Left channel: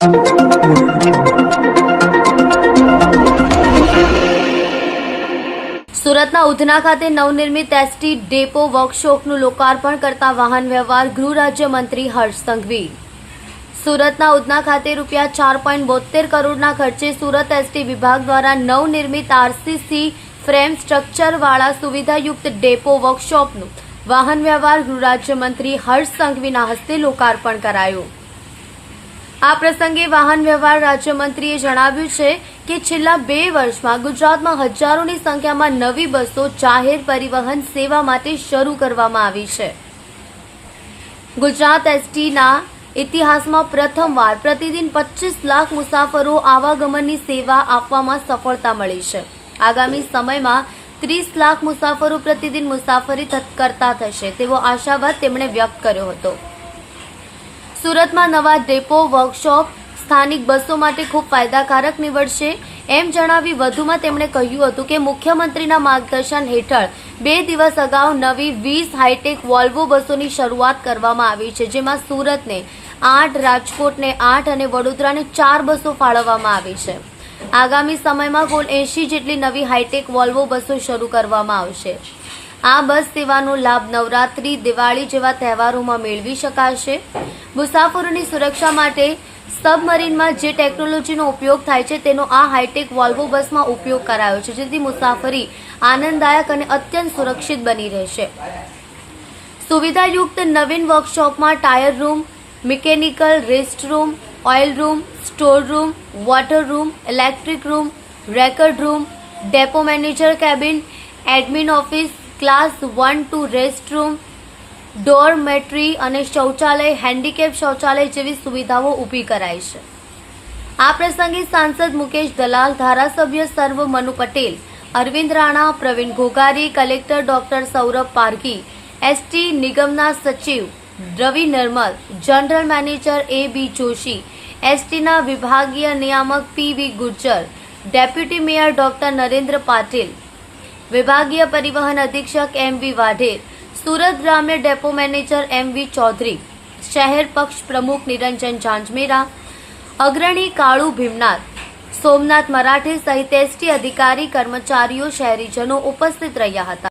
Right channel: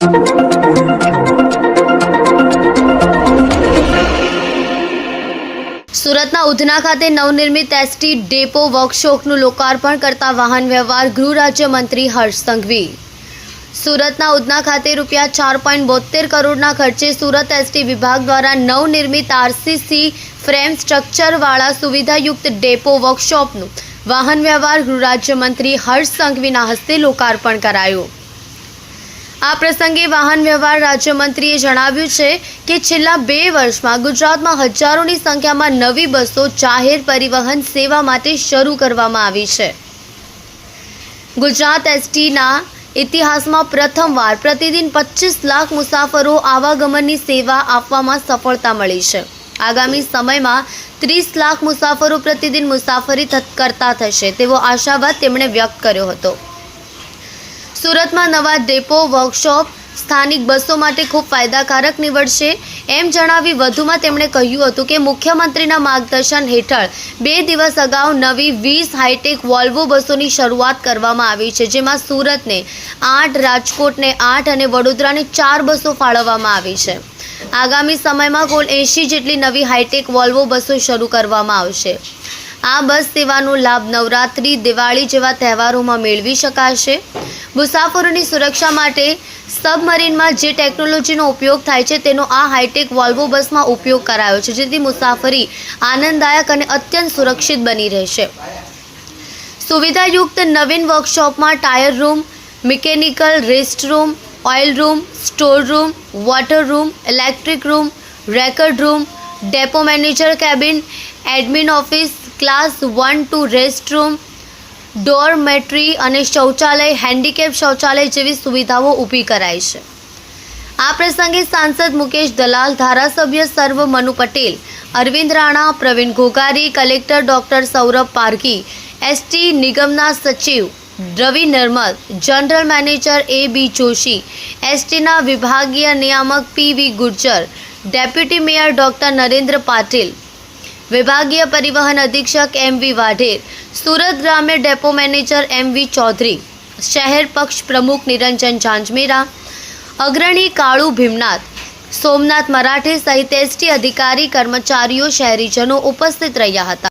સુરતના ઉધના ખાતે નવનિર્મિત એસટી ડેપો વર્કશોપનું લોકાર્પણ કરતા વાહન વ્યવહાર ગૃહ રાજ્યમંત્રી હર્ષ સંઘવી। સુરતના ઉધના ખાતે રૂપિયા 4.72 કરોડના ખર્ચે સુરત એસટી વિભાગ દ્વારા નવનિર્મિત આરસીસી ફ્રેમ સ્ટ્રક્ચરવાળા સુવિધાયુક્ત ડેપો વર્કશોપનું વાહન વ્યવહાર ગૃહ રાજ્યમંત્રી હર્ષ સંઘવીના હસ્તે લોકાર્પણ કરાયું। આ પ્રસંગે વાહન વ્યવહાર રાજ્યમંત્રીએ જણાવ્યું છે કે છેલ્લા 2 વર્ષમાં ગુજરાતમાં હજારોની સંખ્યામાં નવી બસો જાહેર પરિવહન સેવા માટે શરૂ કરવામાં આવી છે। ગુજરાત એસટીના ઇતિહાસમાં પ્રથમવાર પ્રતિદિન 25 લાખ મુસાફરો આવાગમનની સેવા આપવામાં સફળતા મળી છે। આગામી સમયમાં 30 લાખ મુસાફરો પ્રતિદિન મુસાફરી કરતા થશે તેવો આશાવાદ તેમણે વ્યક્ત કર્યો હતો। સુરતમાં નવા ડેપો વર્કશોપ સ્થાનિક બસો માટે ખૂબ ફાયદાકારક નીવડશે એમ જણાવી વધુમાં તેમણે કહ્યું હતું કે મુખ્યમંત્રીના માર્ગદર્શન હેઠળ 2 દિવસ અગાઉ નવી 20 હાઈટેક વોલ્વો બસોની શરૂઆત કરવામાં આવી છે, જેમાં સુરતને 8, રાજકોટને 8 અને વડોદરાને 4 બસો ફાળવવામાં આવી છે। આગામી સમયમાં કુલ 80 જેટલી નવી હાઈટેક વોલ્વો બસો શરૂ કરવામાં આવશે। આ બસ સેવાનો લાભ નવરાત્રી, દિવાળી જેવા તહેવારોમાં મેળવી શકાશે। મુસાફરોની સુરક્ષા માટે સબમરીનમાં જે ટેકનોલોજીનો ઉપયોગ થાય છે તેનો આ હાઈટેક વોલ્વો બસમાં ઉપયોગ કરાયો છે, જેથી મુસાફરી આનંદદાયક અને અત્યંત સુરક્ષિત બની રહેશે। સુવિધાયુક્ત નવીન વર્કશોપમાં tyre room, mechanical rest room, oil room, store room, water room, electric room, record room, depot manager cabin, admin office, class 1-2 rest room, dormitory અને શૌચાલય, હેન્ડીકેપ શૌચાલય જેવી સુવિધાઓ ઊભી કરાઈ છે। આ પ્રસંગે સાંસદ મુકેશ દલાલ, ધારાસભ્ય સર્વ Manu Patel, Arvind Rana, Pravin Ghoghari, collector doctor Saurabh Parghi, ST નિગમના સચિવ Ravi Narmad, general manager A.B. Joshi, એસટીના વિભાગીય નિયામક P.V. Gurjar, deputy mayor doctor Narendra Patil, વિભાગીય પરિવહન અધિક્ષક M.V. વાઢેર, સુરત ગ્રામ્ય ડેપો મેનેજર M.V. ચૌધરી, શહેર પક્ષ પ્રમુખ નિરંજન ઝાંઝમેરા, અગ્રણી કાળુ ભીમનાથ, સોમનાથ મરાઠે સહિત એસટી અધિકારી, કર્મચારીઓ, શહેરીજનો ઉપસ્થિત રહ્યા હતા।